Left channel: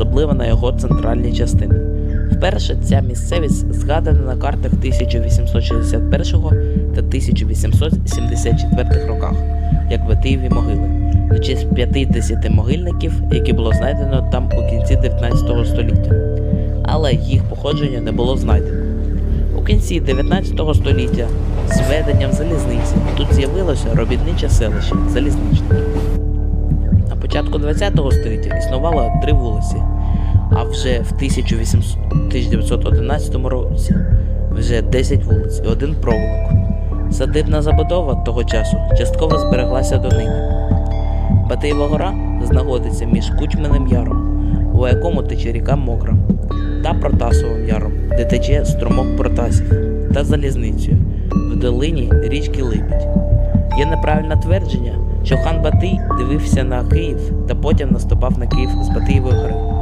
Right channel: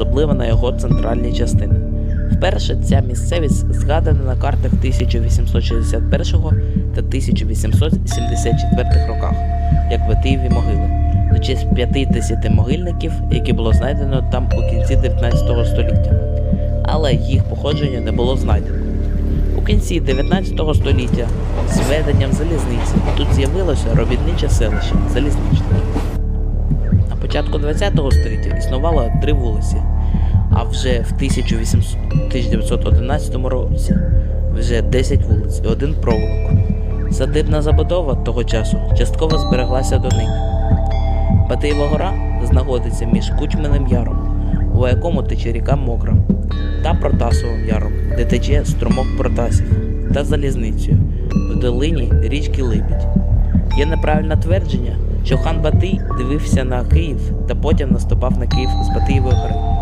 особливо на його центральній частині. Вперше ця місцевість згадана на картах 1861 та 1874 роках, як Батиєві могили, на честь 50 могильників, які було знайдено там у кінці 19 століття. Але їх походження не було знайдено. У кінці 19 століття з введенням залізниці тут з'явилося робітниче селище залізничники. Початку 20 століття існувало три вулиці, а вже в 1800 1911 році вже 10 вулиць і один провулок. Садибна забудова того часу частково збереглася до нині. Батиєва гора знаходиться між Кучминим яром, у якому тече ріка Мокра, та Протасовим яром, де тече струмок Протасів, та залізницею в долині річки Либідь. Є неправильне твердження, що хан Батий дивився на Київ та потім наступав на Київ з Батиєвої гори.